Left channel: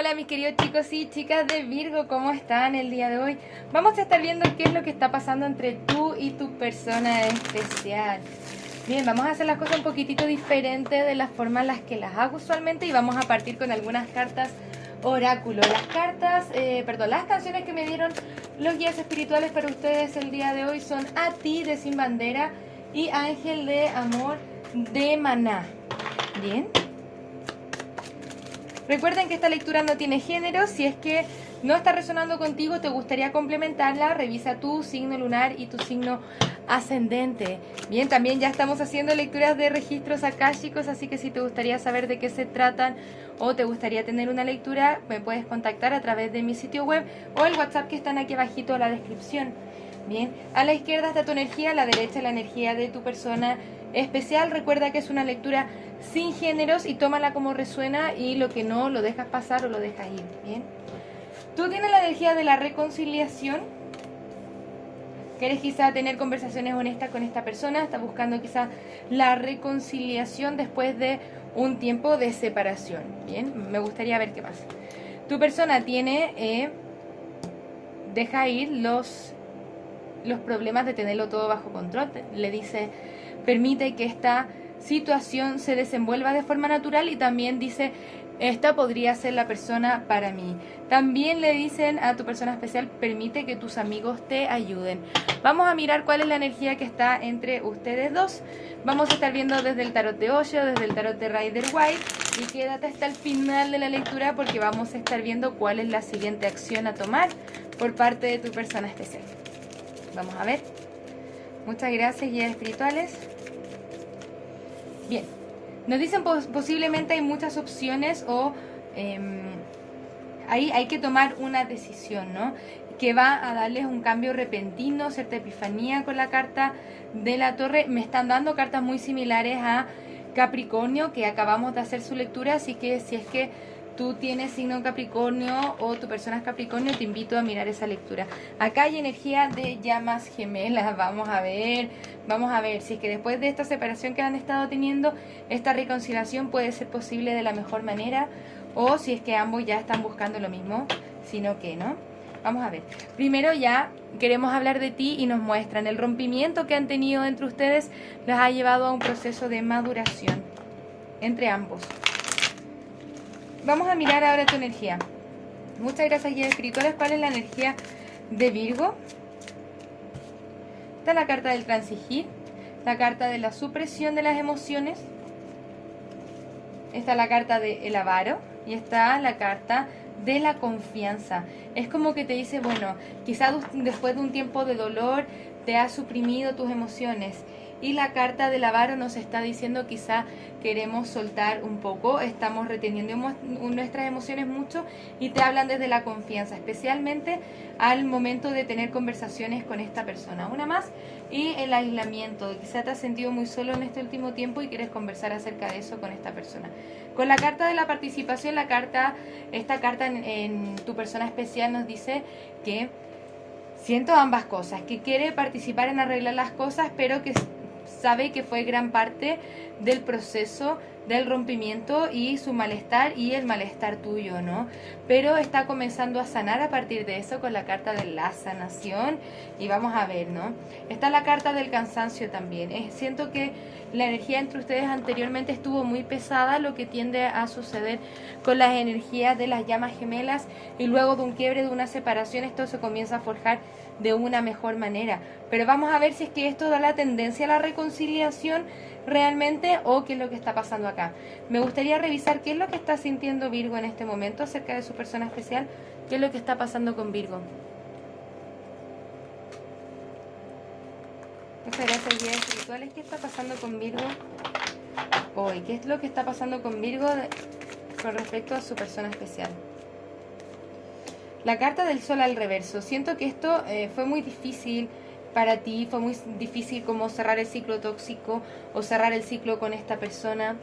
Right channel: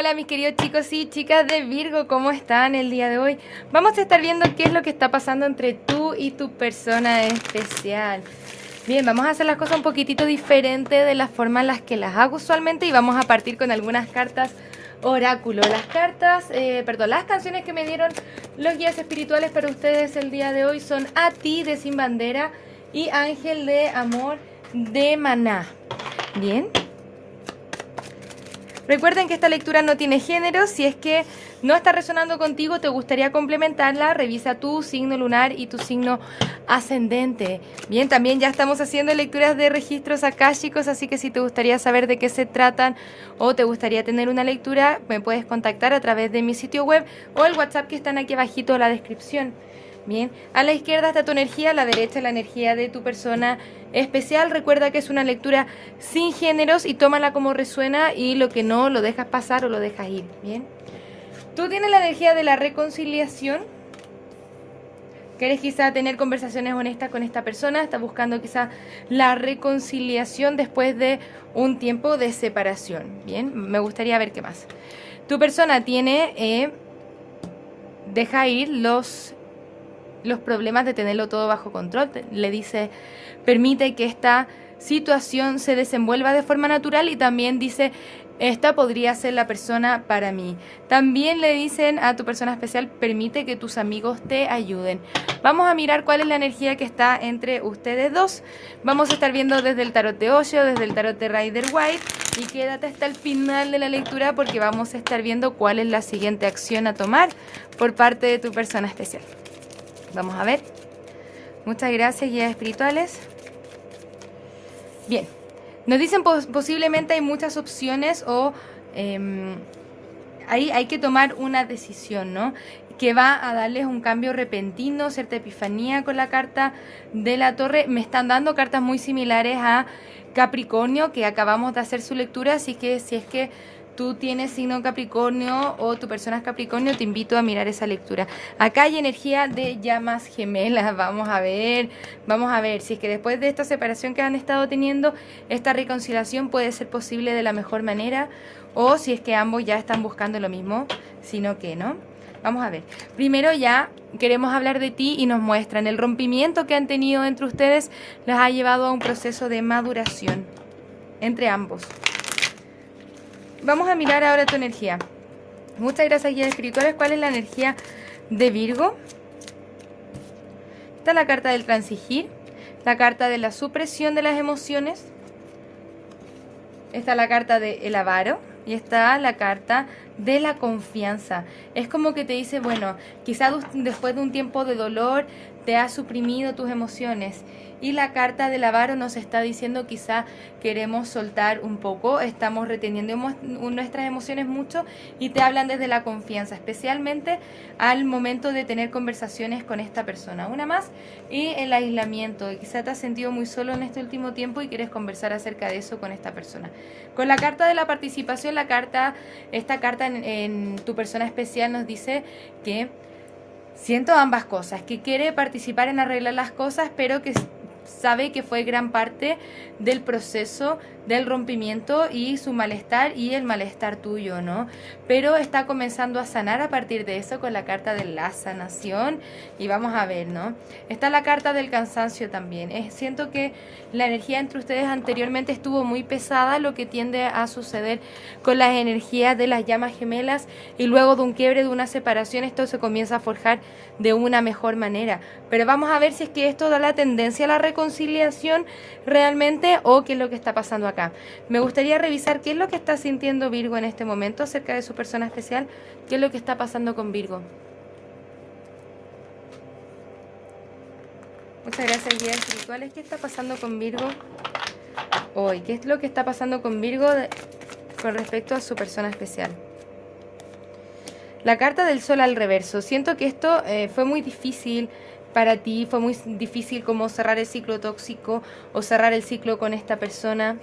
Hola mis queridos chicos y chicas de Virgo, ¿cómo están el día de hoy? Vamos a estar viendo qué es lo que está pasando entre tú y tu persona especial. Bien, vamos a hacer las cosas un poquitito diferente de la forma en las que las hago usualmente y vamos a partir con algunas cartas oráculo. Las canciones que me dieron los guías espirituales para ustedes el día de hoy son A Ti de Sin Bandera y Ángel de Amor de Maná. Bien. Recuerden que esta lectura no tiene género. Si es que no está resonando contigo, te gustaría complementarla, revisa tu signo lunar y tu signo ascendente. Bien, también ya estamos haciendo lecturas de registros akáshicos, así que si te gustaría saber de qué se tratan o te gustaría tener una lectura, me puedes contactar a través de mi sitio web o el WhatsApp que están aquí abajito en la descripción. Bien, a la izquierda está tu energía, a la derecha la energía de tu persona especial. Recuerda que es una lectura sin géneros y tómala como resuena y lo que no lo dejas pasar o lo dejas ir. Bien, tú tienes la energía de la reconciliación. Quieres quizá tener conversaciones honestas con esta persona, estás buscando quizá la reconciliación después de un tiempo de separación. Bien, me gustaría ver qué más. Tu persona tiene deja ir los problemas de tenerlo todo bajo control. Le dice, permite que esta situación se desenvuelva de forma natural y también dice, esta podría ser la persona para mí. También le dicen a tu persona especial, permite que tus amigos te ayuden. Vamos a mirar cuál es la energía que está entre ustedes dos. Vamos a estar viendo desde el tarot de Osho, desde el tarot de Rider White. Y quédate hasta el final de la lectura porque vamos a estar viendo cuál es la siguiente acción a tomar por parte de tu persona especial. Vamos a ver. Muchas gracias, guías espirituales. Bien. Nos dicen posiblemente hay muchas opciones o hay que tomar una decisión, ¿no? Que va a darles un cambio repentino, cierta epifanía con la carta de la Torre. Me están dando cartas muy similares a Capricornio, que acabamos de hacer su lectura, así que si es que tú tienes signo Capricornio o tu persona es Capricornio, te invito a mirar esa lectura. Acá hay energía de llamas gemelas. Vamos a ver si es que después de esta separación que han estado teniendo, esta reconciliación puede ser posible de la mejor manera o si es que ambos ya están buscando lo mismo, sino que no. Vamos a ver. Primero ya queremos hablar de ti y nos muestran el rompimiento que han tenido entre ustedes les ha llevado a un proceso de maduración entre ambos. Vamos a mirar ahora tu energía. Muchas gracias, guías espirituales. ¿Cuál es la energía de Virgo? Está la carta del transigir, la carta de la supresión de las emociones, está la carta del avaro y está la carta de la confianza. Es como que te dice, bueno, quizás después de un tiempo de dolor te has suprimido tus emociones. Y la carta del avaro nos está diciendo quizá queremos soltar un poco, estamos reteniendo nuestras emociones mucho y te hablan desde la confianza, especialmente al momento de tener conversaciones con esta persona. Una más, y el aislamiento. Quizá te has sentido muy solo en este último tiempo y quieres conversar acerca de eso con esta persona. Con la carta de la participación, esta carta en tu persona especial nos dice que siento ambas cosas, que quiere participar en arreglar las cosas, pero que sabe que fue gran parte del proceso del rompimiento y su malestar y el malestar tuyo, ¿no? Pero está comenzando a sanar a partir de eso con la carta de la sanación y vamos a ver, ¿no? Está la carta del cansancio también. Siento que la energía entre ustedes anteriormente estuvo muy pesada, lo que tiende a suceder con las energías de las llamas gemelas y luego de un quiebre, de una separación, esto se comienza a forjar de una mejor manera. Pero vamos a ver si es que esto da la tendencia a la reconciliación realmente o qué es lo que está pasando acá. Me gustaría revisar qué es lo que está sintiendo Virgo en este momento acerca de su persona especial, qué es lo que está pasando con Virgo. Muchas gracias, guías espirituales. ¿Qué está pasando con Virgo hoy? ¿Qué es lo que está pasando con Virgo con respecto a su persona especial? La carta del sol al reverso. Siento que esto fue muy difícil para ti, fue muy difícil como cerrar el ciclo tóxico o cerrar el ciclo con esta persona.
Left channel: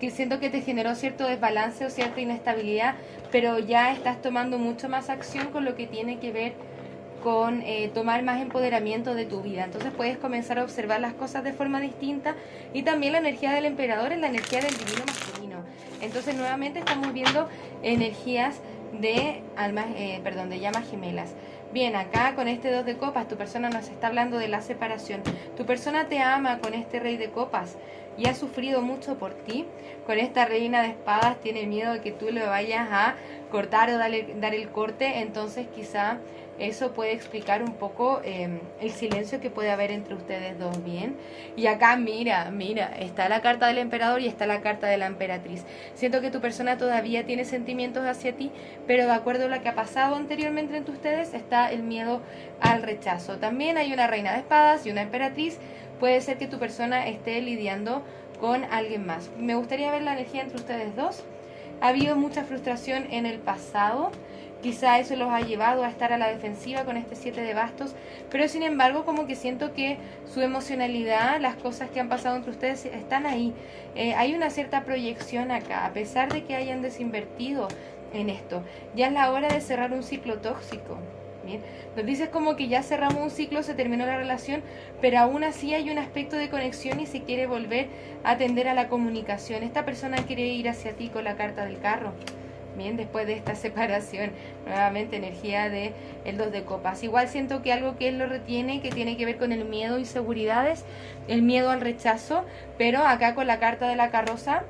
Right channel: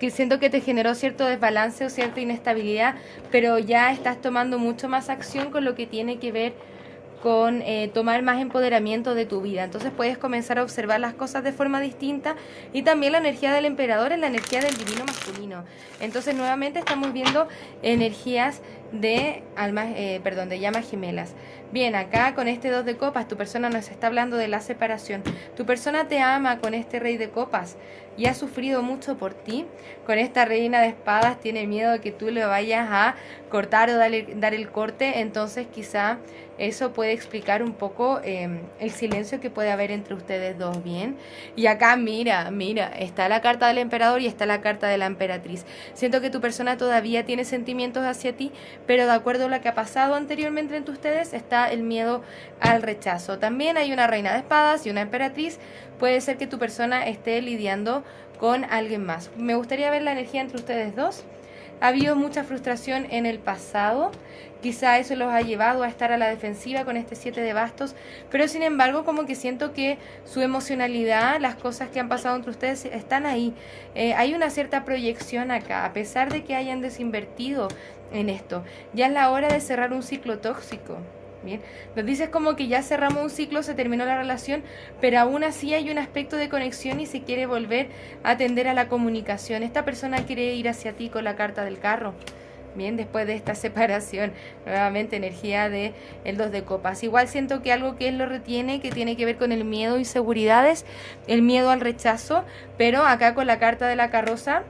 Que siento que te generó cierto desbalance o cierta inestabilidad, pero ya estás tomando mucho más acción con lo que tiene que ver con tomar más empoderamiento de tu vida. Entonces puedes comenzar a observar las cosas de forma distinta, y también la energía del emperador es la energía del divino masculino. Entonces nuevamente estamos viendo energías de almas, de llamas gemelas. Bien, acá con este 2 de copas, tu persona nos está hablando de la separación. Tu persona te ama con este rey de copas y ha sufrido mucho por ti. Con esta reina de espadas tiene miedo de que tú le vayas a cortar o dar el corte. Entonces quizá eso puede explicar un poco el silencio que puede haber entre ustedes dos, ¿bien? Y acá mira, está la carta del emperador y está la carta de la emperatriz. Siento que tu persona todavía tiene sentimientos hacia ti, pero de acuerdo a lo que ha pasado anteriormente entre ustedes está el miedo al rechazo. También hay una reina de espadas y una emperatriz. Puede ser que tu persona esté lidiando con alguien más. Me gustaría ver la energía entre ustedes dos. Ha habido mucha frustración en el pasado. Quizá eso los ha llevado a estar a la defensiva con este 7 de bastos, pero sin embargo como que siento que su emocionalidad, las cosas que han pasado entre ustedes están ahí. Hay una cierta proyección acá, a pesar de que hayan desinvertido en esto. Ya es la hora de cerrar un ciclo tóxico. Bien, nos dices como que ya cerramos un ciclo, se terminó la relación, pero aún así hay un aspecto de conexión y se quiere volver a atender a la comunicación. Esta persona quiere ir hacia ti con la carta del carro. Bien, después de esta separación, nuevamente energía de el 2 de copas. Igual siento que algo que él lo retiene, que tiene que ver con el miedo, inseguridades, el miedo al rechazo, pero acá con la carta de la carroza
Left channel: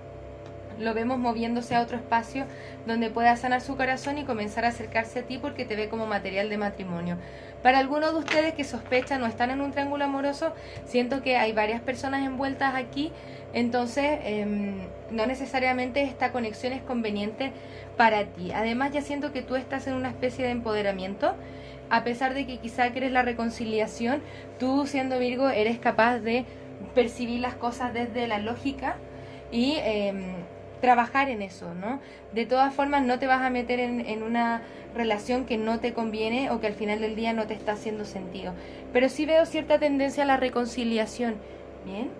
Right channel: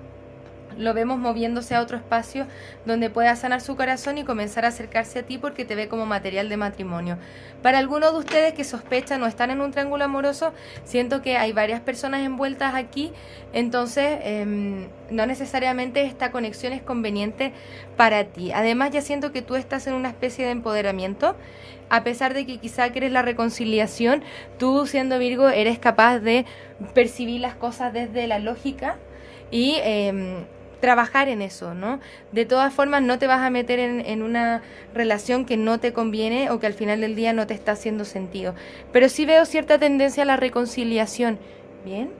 lo vemos moviéndose a otro espacio donde pueda sanar su corazón y comenzar a acercarse a ti porque te ve como material de matrimonio. Para algunos de ustedes que sospechan o están en un triángulo amoroso, siento que hay varias personas envueltas aquí, entonces no necesariamente esta conexión es conveniente para ti. Además ya siento que tú estás en una especie de empoderamiento. A pesar de que quizá quieres la reconciliación, tú siendo Virgo eres capaz de percibir las cosas desde la lógica y trabajar en eso, ¿no? De todas formas no te vas a meter en una relación que no te conviene o que al final del día no te está haciendo sentido. Pero sí veo cierta tendencia a la reconciliación. Bien,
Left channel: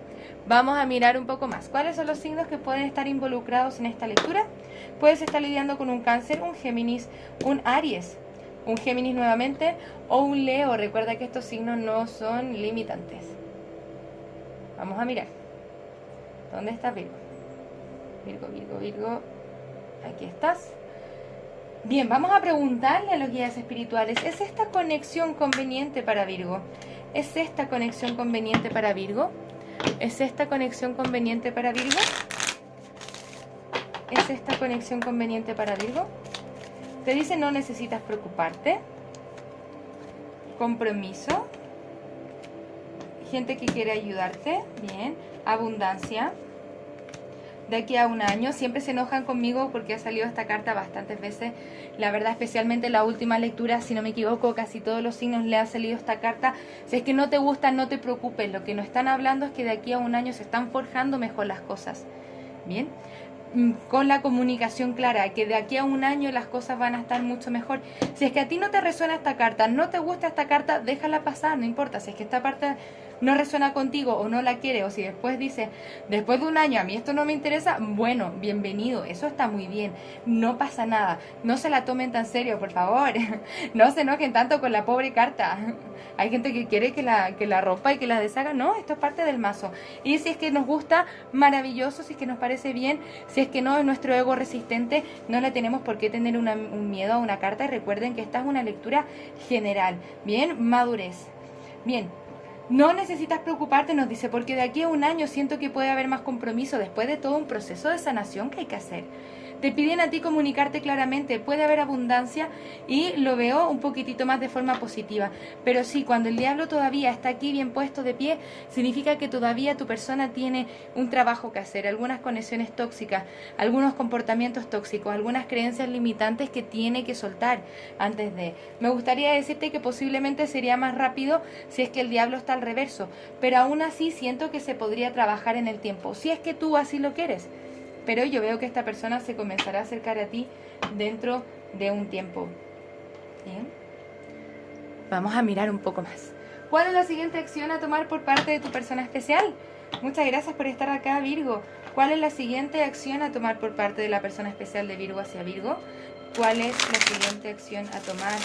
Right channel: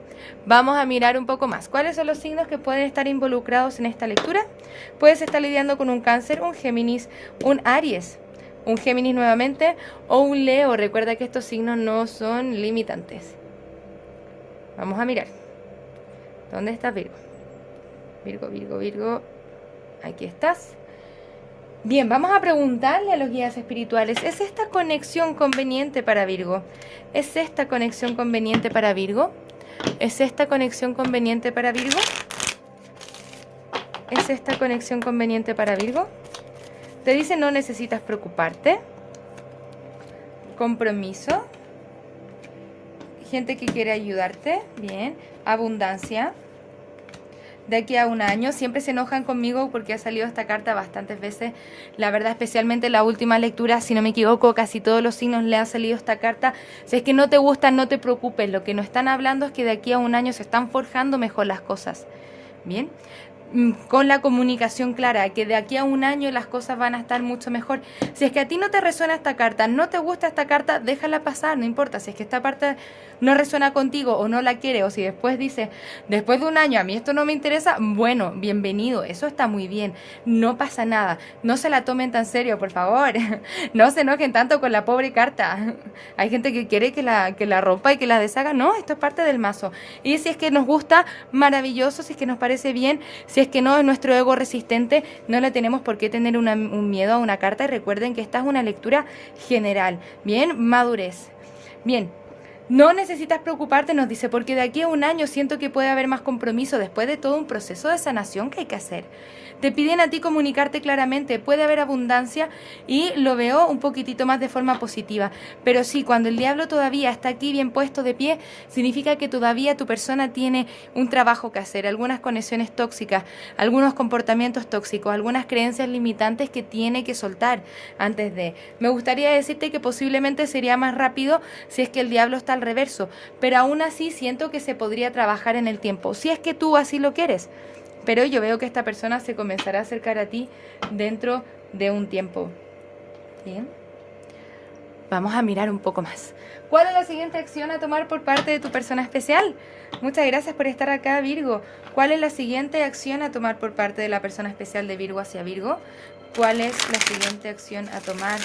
vamos a mirar un poco más. ¿Cuáles son los signos que pueden estar involucrados en esta lectura? Puedes estar lidiando con un Cáncer, un Géminis, un Aries, un Géminis nuevamente o un Leo. Recuerda que estos signos no son limitantes. Vamos a mirar. ¿Dónde está Virgo? Virgo, aquí estás. Bien, vamos a preguntarle a los guías espirituales, ¿es esta conexión conveniente para Virgo? ¿Es esta conexión conveniente para Virgo? ¿Es esta conexión conveniente para Virgo? ¿Es esta conexión conveniente para Virgo? Te dice no necesitas preocuparte. Compromiso. Gente que quiere ayudarte. Bien. Abundancia. De aquí a un año, siempre se enojan conmigo porque ha salido esta carta bastantes veces, la verdad, especialmente en la última lectura, si no me equivoco, casi todos los signos le ha salido esta carta. Si es que no te gusta, no te preocupes, lo que nos están hablando es que de aquí a un año se están forjando mejor las cosas, bien, con la comunicación clara, que de aquí a un año las cosas van a estar mucho mejor. Si es que a ti no te resuena esta carta, no te gusta esta carta, déjala pasar, no importa. Si es que esta parte no resuena contigo o no la quiere, o si después dice, después de un año a mí esto no me interesa, bueno, bienvenido, eso está muy bien, no pasa nada. No se la tomen tan serio, por favor. No se enojen tanto con la pobre carta. Hay gente que quiere que la rompa y que la deshaga. No, esto es parte del mazo. Y si es que nos gusta, maravilloso. Si es que nos parece bien, si es que no, es nuestro ego resistente, no le tenemos por qué tener un miedo a una carta. Y recuerden que esta es una lectura general. Bien, madurez. Bien. No necesitas preocuparte, nos dice, porque de aquí a un año siento que puede haber más compromiso después de todo un proceso de sanación que hay que hacer. Te piden a ti comunicarte claramente, puede haber abundancia y lo veo un poquitito más de forma positiva. Pero sí, cuando el diablo todavía está aquí bien puesto de pie, significa que todavía tu persona tiene un trabajo que hacer, algunas conexiones tóxicas, algunos comportamientos tóxicos, algunas creencias limitantes que tiene que soltar antes de. Me gustaría decirte que posiblemente sería más rápido si es que el diablo está al reverso, pero aún así siento que se podría trabajar en el tiempo, si es que tú así lo quieres. Pero yo veo que esta persona se comenzará a acercar a ti dentro de un tiempo. Bien. Vamos a mirar un poco más. ¿Cuál es la siguiente acción a tomar por parte de tu persona especial? Muchas gracias por estar acá, Virgo. ¿Cuál es la siguiente acción a tomar por parte de la persona especial de Virgo hacia Virgo? ¿Cuál es la siguiente acción a tomar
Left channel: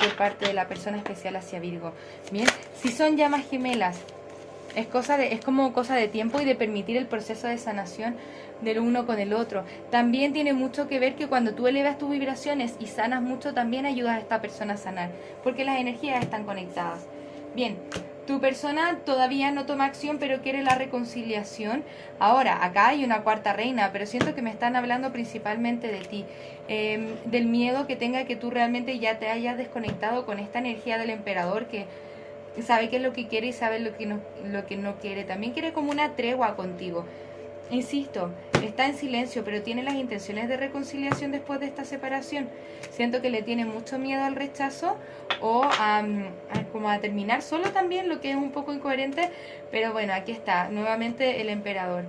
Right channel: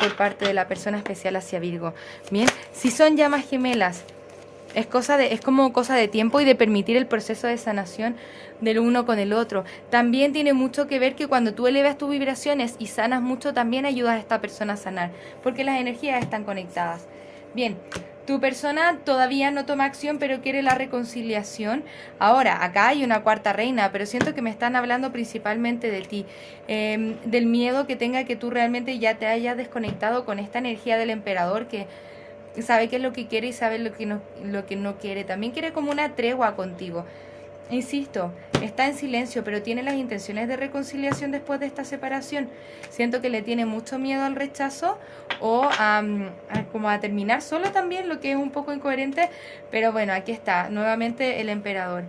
por parte de la persona especial hacia Virgo. Bien, si son llamas gemelas, es como cosa de tiempo y de permitir el proceso de sanación del uno con el otro. También tiene mucho que ver que cuando tú elevas tus vibraciones y sanas mucho, también ayudas a esta persona a sanar, porque las energías están conectadas. Bien, tu persona todavía no toma acción, pero quiere la reconciliación. Ahora, acá hay una cuarta reina, pero siento que me están hablando principalmente de ti, del miedo que tenga que tú realmente ya te hayas desconectado con esta energía del emperador que sabe qué es lo que quiere y sabe lo que no quiere. También quiere como una tregua contigo. Insisto, está en silencio, pero tiene las intenciones de reconciliación después de esta separación. Siento que le tiene mucho miedo al rechazo o como a terminar solo también, lo que es un poco incoherente, pero bueno, aquí está, nuevamente el emperador.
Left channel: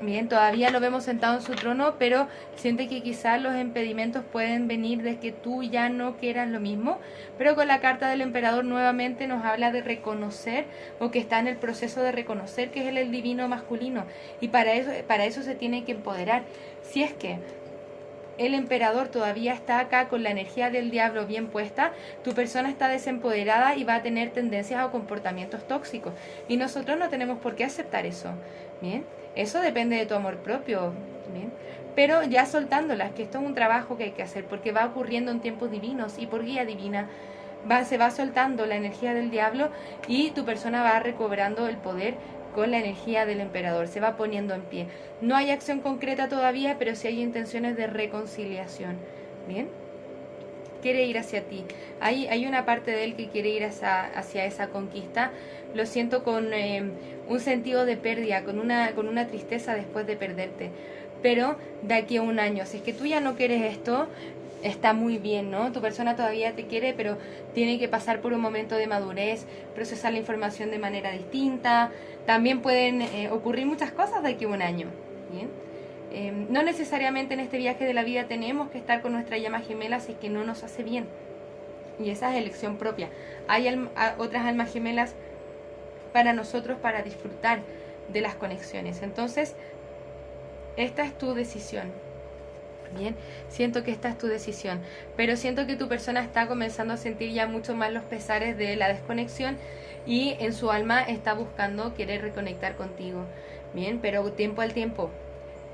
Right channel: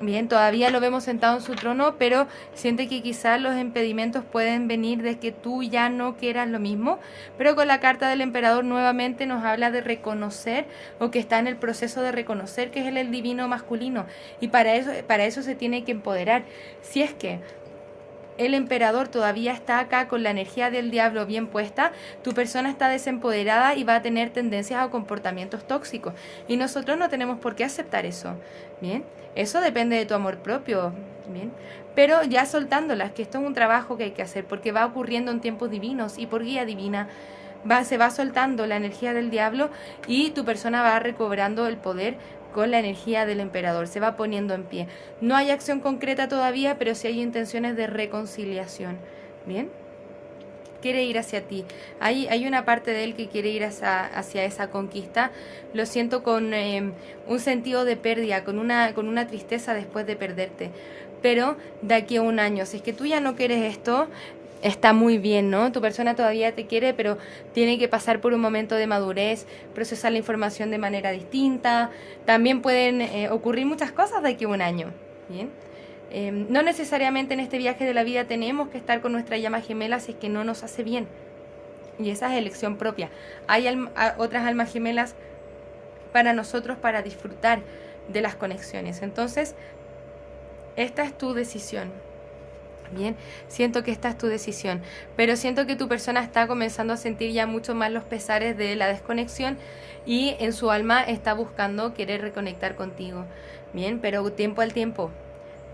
Bien, todavía lo vemos sentado en su trono, pero siente que quizás los impedimentos pueden venir de que tú ya no quieras lo mismo. Pero con la carta del emperador nuevamente nos habla de reconocer, o que está en el proceso de reconocer que es el divino masculino. Y para eso se tiene que empoderar. Si es que el emperador todavía está acá con la energía del diablo bien puesta, tu persona está desempoderada y va a tener tendencias a comportamientos tóxicos. Y nosotros no tenemos por qué aceptar eso. Bien, eso depende de tu amor propio. Bien, pero ya soltándolas, que esto es un trabajo que hay que hacer, porque va ocurriendo en tiempos divinos y por guía divina. Se va soltando la energía del diablo y tu persona va recobrando el poder con la energía del emperador, se va poniendo en pie. No hay acción concreta todavía, pero sí hay intenciones de reconciliación. Bien, quiere ir hacia ti. Hay una parte de él que quiere ir hacia esa conquista. Lo siento con un sentido de pérdida, con una tristeza después de perderte. Pero de aquí a un año, si es que tú ya no quieres esto, está muy bien, ¿no? Tu persona todavía te quiere, pero tiene que pasar por un momento de madurez, procesar la información de manera distinta. También pueden ocurrir muchas cosas de aquí a un año, ¿bien? No necesariamente en este viaje de la vida tenemos que estar con nuestra llama gemela si es que no nos hace bien. Y esa es elección propia. Hay otras almas gemelas para nosotros para disfrutar de las conexiones. Entonces, esta es tu decisión. Bien, siento que esta es tu decisión, pero siento que tu persona está comenzando a sentir ya mucho más los pesares de la desconexión y en su alma está buscando querer reconectar contigo. Bien, pero tiempo al tiempo,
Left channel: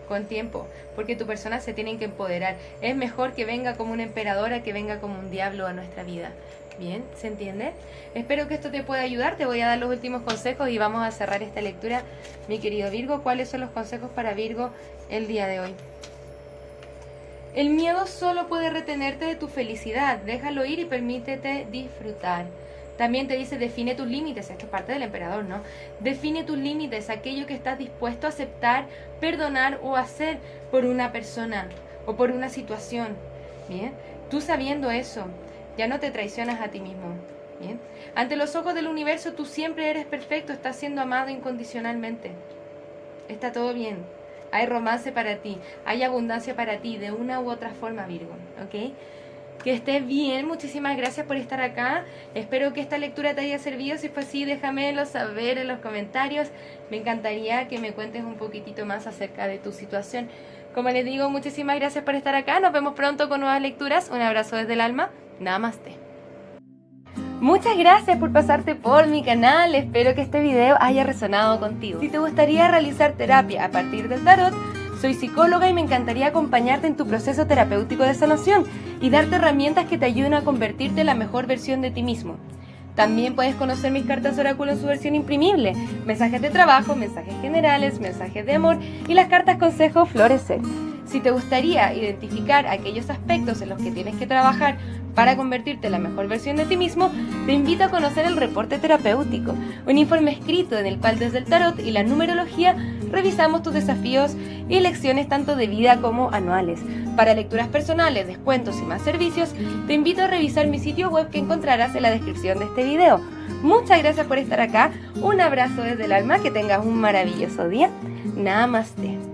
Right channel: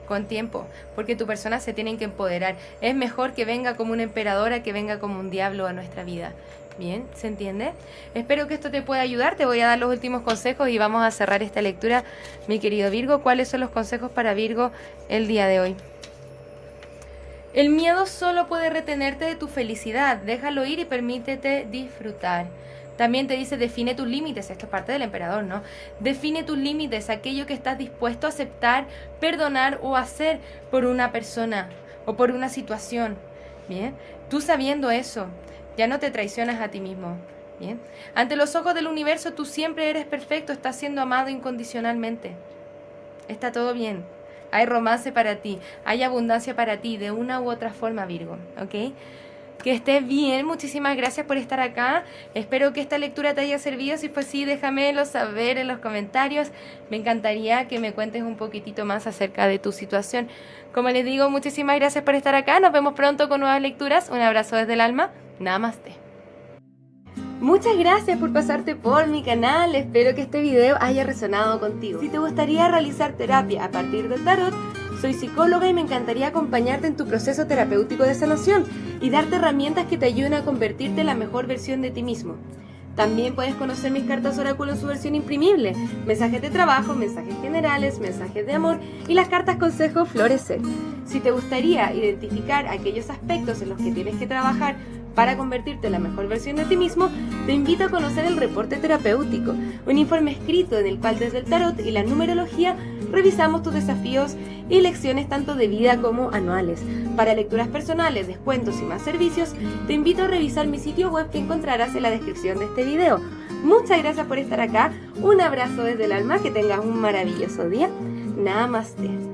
con tiempo, porque tu persona se tiene que empoderar. Es mejor que venga como una emperadora que venga como un diablo a nuestra vida. Bien, ¿se entiende? Espero que esto te pueda ayudar. Te voy a dar los últimos consejos y vamos a cerrar esta lectura, mi querido Virgo. ¿Cuáles son los consejos para Virgo el día de hoy? El miedo solo puede retenerte de tu felicidad. Déjalo ir y permítete disfrutar. También te dice, define tus límites. Esto es parte del emperador, ¿no? Define tus límites, aquello que estás dispuesto a aceptar, perdonar o hacer por una persona o por una situación. Bien, tú sabiendo eso, ya no te traicionas a ti mismo. Bien, ante los ojos del universo tú siempre eres perfecto, estás siendo amado incondicionalmente. Está todo bien. Hay romance para ti, hay abundancia para ti, de una u otra forma, Virgo, ¿ok? Que estés bien, muchísimas gracias por estar acá. Espero que esta lectura te haya servido. Si fue así, déjamelo saber en los comentarios. Me encantaría que me cuentes un poquitito más acerca de tu situación. Como les digo, muchísimas gracias por estar acá. Nos vemos pronto con nuevas lecturas. Un abrazo desde el alma. Namaste. Muchas gracias por pasarte por mi canal, espero que este video haya resonado contigo. Si te gustaría realizar terapia a partir del tarot, soy psicóloga y me encantaría acompañarte en tu proceso terapéutico de sanación y darte herramientas que te ayuden a convertirte en la mejor versión de ti mismo. También puedes conocer mis cartas oráculo en su versión imprimible, mensajes de trabajo, mensajes generales, mensajes de amor y las cartas consejo florecer. Si te gustaría identificar aquellos aspectos en los que tienes que trabajar para convertirte en la mejor versión de ti mismo, te invito a conocer el reporte terapéutico, un informe escrito en el cual desde el tarot y la numerología revisamos tus desafíos y lecciones tanto de vida como anuales. Para lecturas personales, descuentos y más servicios, te invito a revisar mi sitio web que encontrarás en la descripción de este video. Muchas gracias por estar acá, un abrazo desde el alma, que tengas un maravilloso día. Namaste.